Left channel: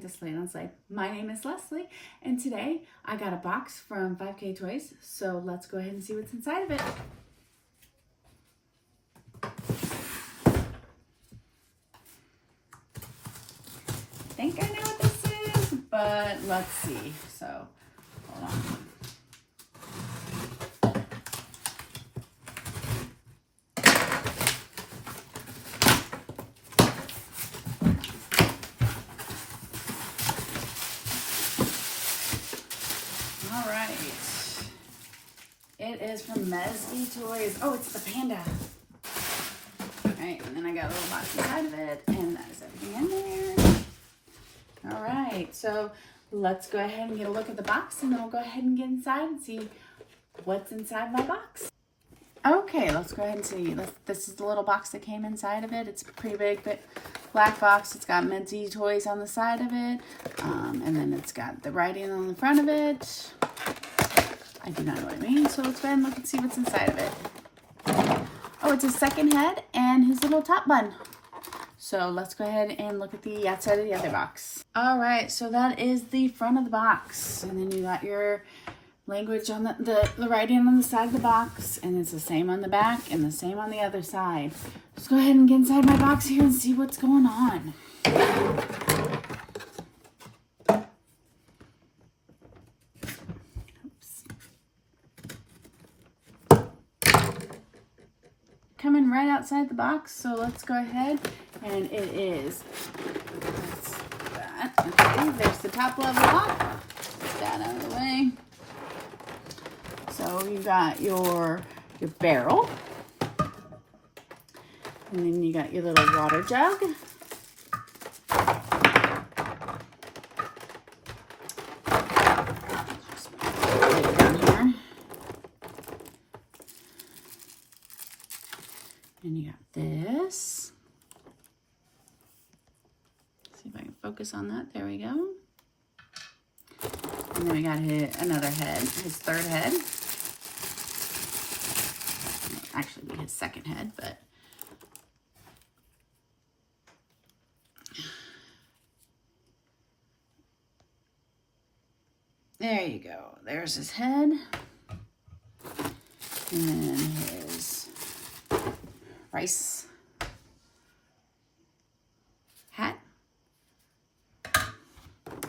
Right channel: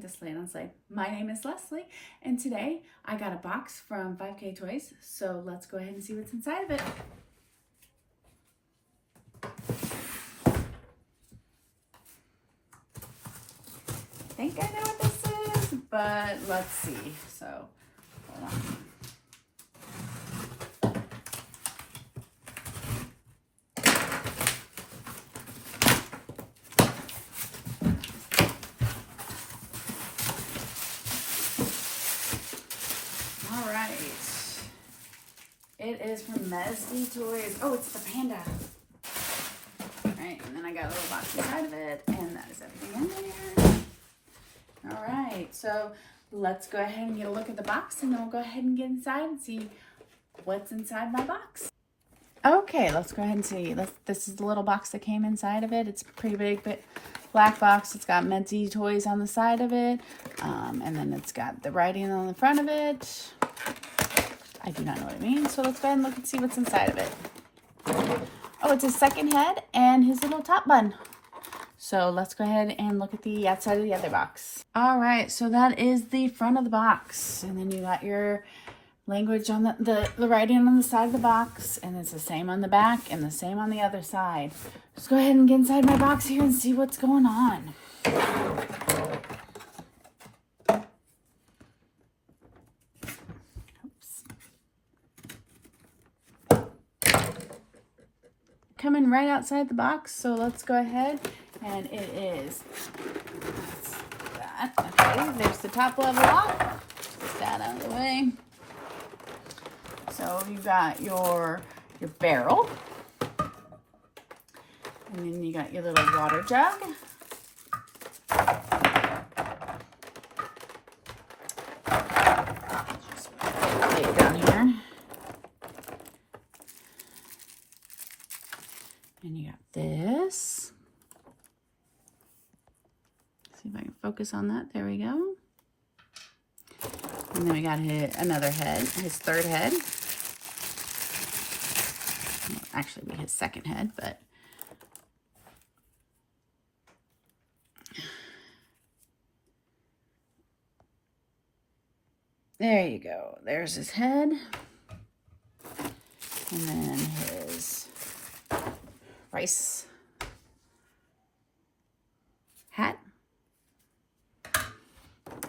welcome to Slate on Slate. My name is Leslie, and today I got a box from 5K Toys, so let's go ahead and see what's inside of it. I think I know what this is, but let's see. So, hold on. All right. It is from Mesby Toys. Oh, it's the panda. All right, and then I got a little box inside of it, and that is everything in there. All right, so let's go ahead and get a look at the box, and then we'll go ahead and get inside and see what's inside my box. Okay, let's go ahead and see. This is the little box that came inside of it. It's a pretty big black box. It's got Mesby Toys on the side of it, and then it's got the writing on the front of it. I do not know what it means, so let's go ahead and look and see what's inside of it. Oh, it's his second head and his little top bun. So let's go ahead and look at the outside of the other box. All right, so that is the front of the box. And then you got your language on the writing on the side of the box, and it's the same on the back and the same on the other side. Let's go ahead and get inside my box here and see what's going on. Coming right outside the box, so let's go ahead, and it is that. Okay, there's the top level lock. Put that out of the way. So you got your barrel, and then you got your little water jug. Just put it in here. And you got this. See if I can focus on that. There we go. And then we got another head, his third head. Actually, his second head, but there you go. There's his head. And then his rice hat,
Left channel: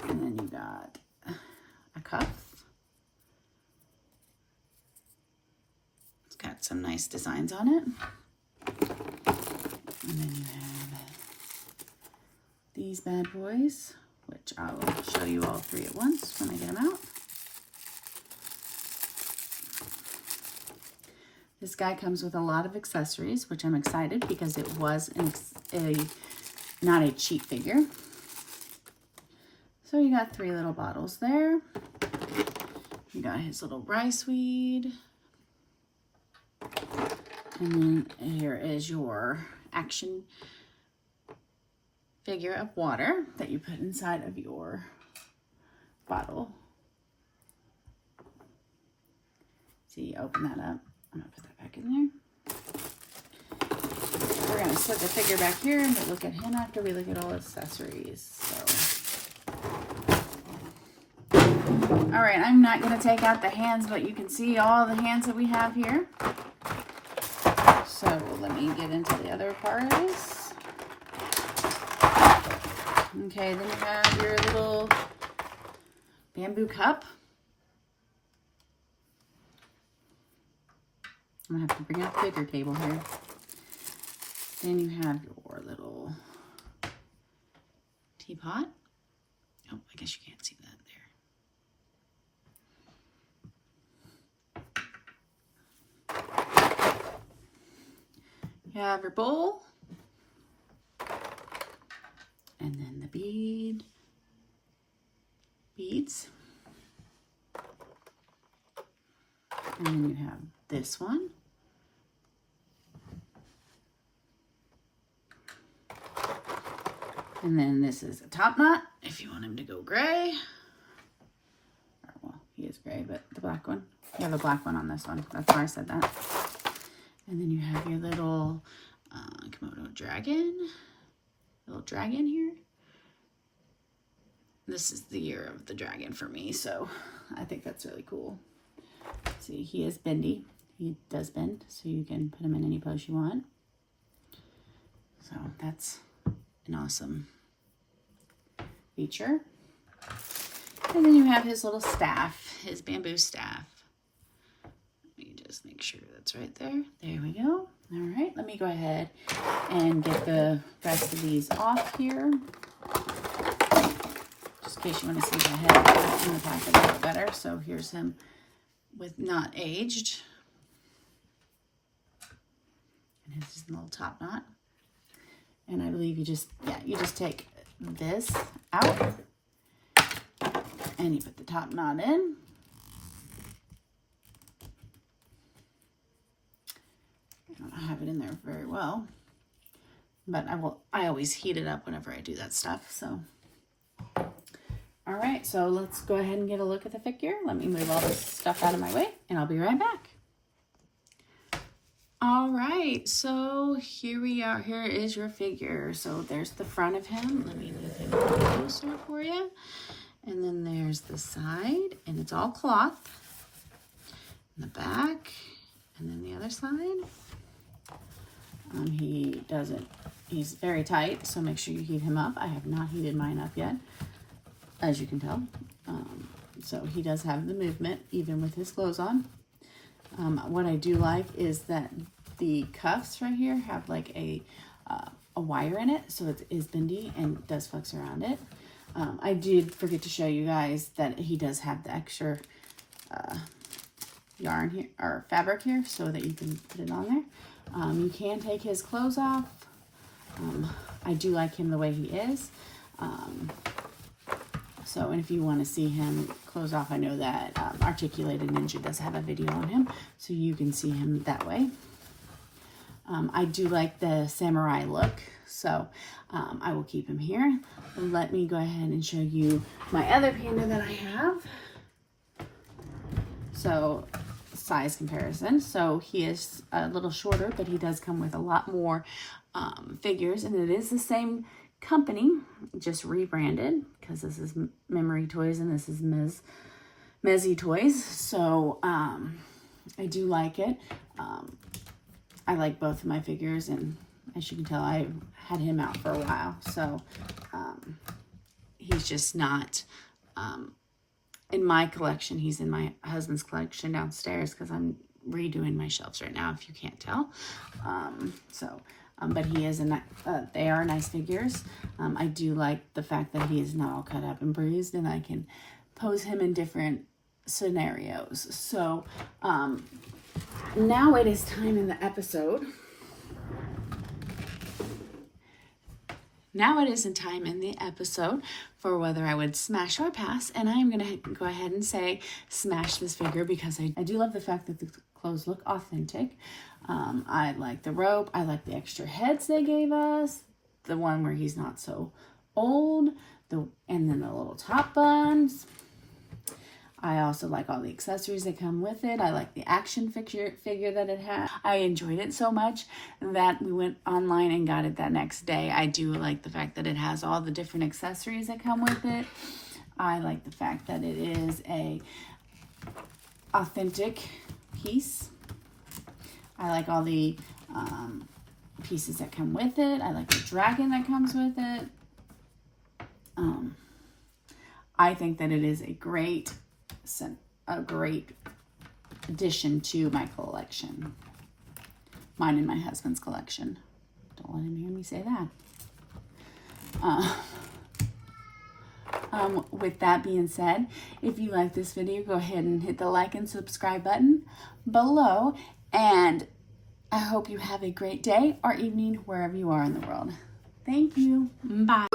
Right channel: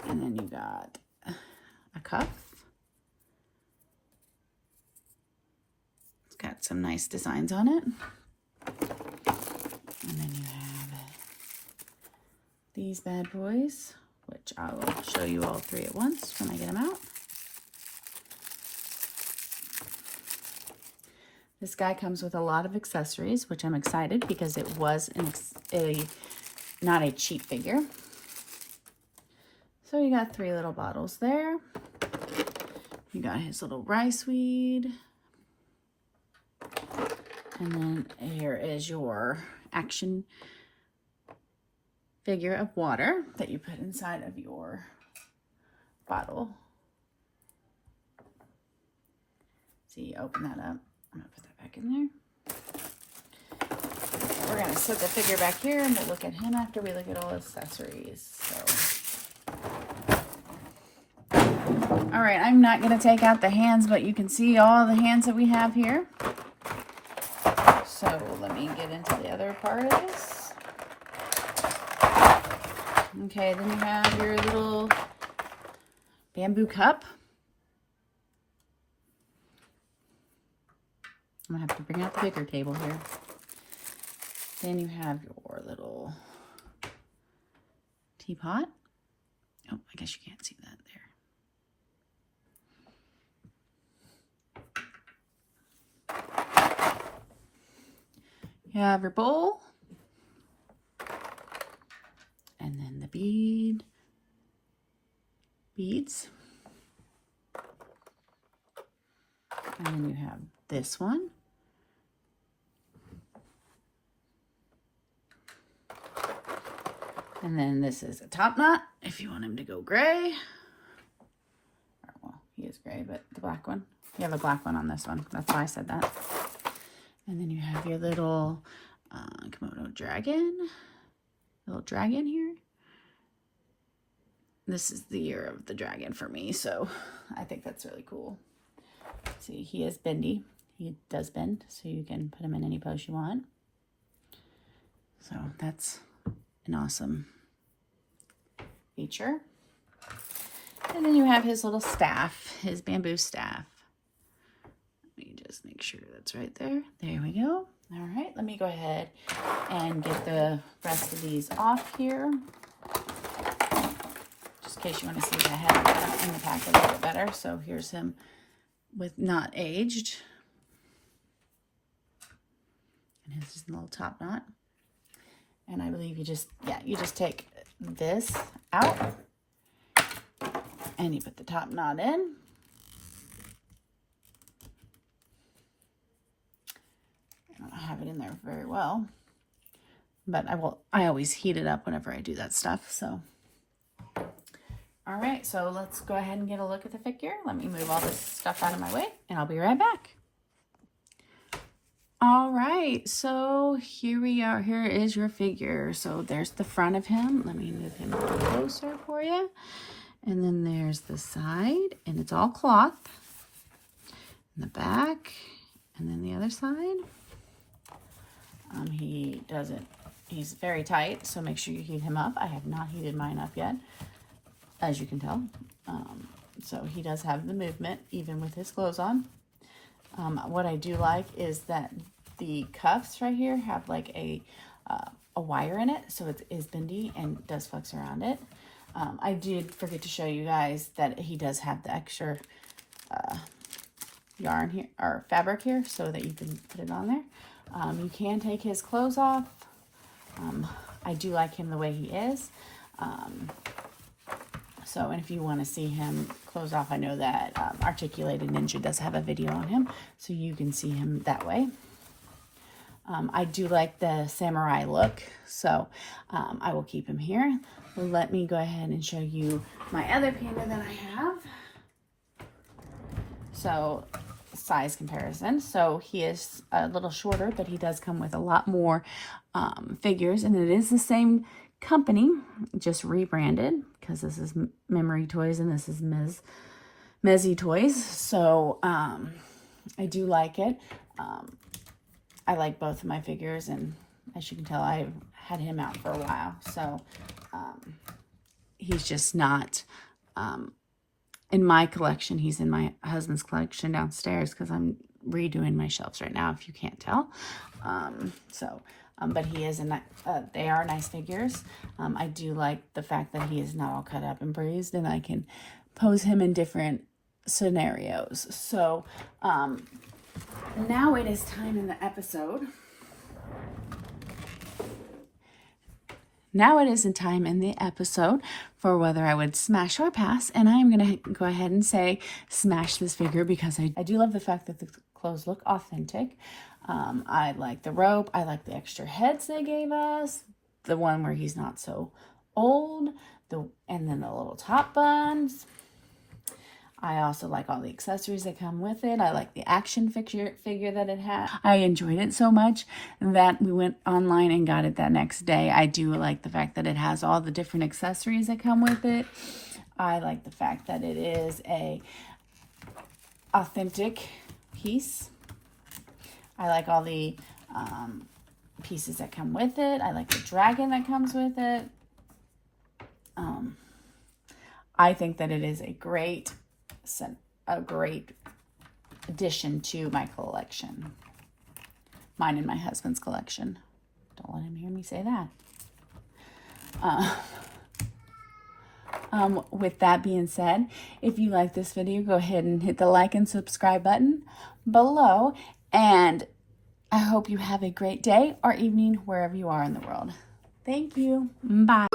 and then you got a cuff. It's got some nice designs on it, and then you have these bad boys, which I'll show you all three at once when I get them out. This guy comes with a lot of accessories, which I'm excited because it was not a cheap figure. So you got 3 little bottles there. You got his little rice weed. And then here is your action figure of water that you put inside of your bottle. So you open that up. I'm going to put that back in there. We're going to set the figure back here and we'll look at him after we look at all the accessories. All right, I'm not going to take out the hands, but you can see all the hands that we have here. So let me get into the other parts. Okay, then you have your little bamboo cup. I'm going to have to bring out the bigger table here. Then you have your little teapot. Oh, I guess you can't see that there. You have your bowl. And then the beads. And then you have this one. And then this is a top knot, if you want him to go gray. Or, well, he is gray, but the black one. You have a black one on this one. That's why I said that. And then you have your little Komodo dragon. Little dragon here. this is the year of the dragon for me, so I think that's really cool. See, he is bendy. He does bend, so you can put him in any pose you want. So that's an awesome feature. And then you have his little staff, his bamboo staff. Let me just make sure that's right there. There we go. All right, let me go ahead and get the rest of these off here. Just in case you want to see the head in the pocket a little better. So here's him with not aged. And his little top knot. And I believe you just take this out and you put the top knot in. I don't have it in there very well, but I always heat it up whenever I do that stuff. So, all right, so let's go ahead and get a look at the figure. Let me move all this stuff out of my way and I'll be right back. All right, so here we are. Here is your figure. So there's the front of him. Let me move him a little closer for you. And then there's the side, and it's all cloth. And the back, and then the other side. He's very tight, so make sure you heat him up. I have not heated mine up yet, as you can tell. So he does have the movement, even with his clothes on. What I do like is that the cuffs right here have like a wire in it, so it is bendy and does flex around it. I did forget to show you guys that he does have the extra yarn here, or fabric here, so that you can put it on there. You can take his clothes off. I do like him the way he is. And if you want to see him close off, I know that Articulated Ninja does have a video on him, so you can see him that way. I do like the samurai look, so I will keep him here. Let me go ahead and show you my other panda that I have. So, size comparison. So he is a little shorter, but he does come with a lot more figures, and it is the same company, just rebranded, because this is Memory Toys and this is Mezzy Toys. So I do like it. I like both of my figures, and as you can tell, I had him out for a while, so he's just not in my collection. He's in my husband's collection downstairs, because I'm redoing my shelves right now, if you can't tell. But he is they are nice figures. I do like the fact that he is not all cut up and bruised, and I can pose him in different scenarios. So now it is time in the episode. Now it is a time in the episode for whether I would smash or pass, and I'm going to go ahead and say smash this figure, because I do love the fact that the clothes look authentic. I like the robe. I like the extra heads they gave us. The one where he's not so old. And then the little top buns. I also like all the accessories that come with it. I like the action figure that it had. I enjoyed it so much that we went online and got it that next day. I do like the fact that it has all the different accessories that come with it. I like the fact that it is a authentic piece. I like all the pieces that come with it. I like the dragon that comes with it. I think that it is a great addition to my collection. Mine and my husband's collection. Don't let him hear me say that. With that being said, if you like this video, go ahead and hit the like and subscribe button below. And I hope you have a great day or evening wherever you are in the world. Thank you. Bye.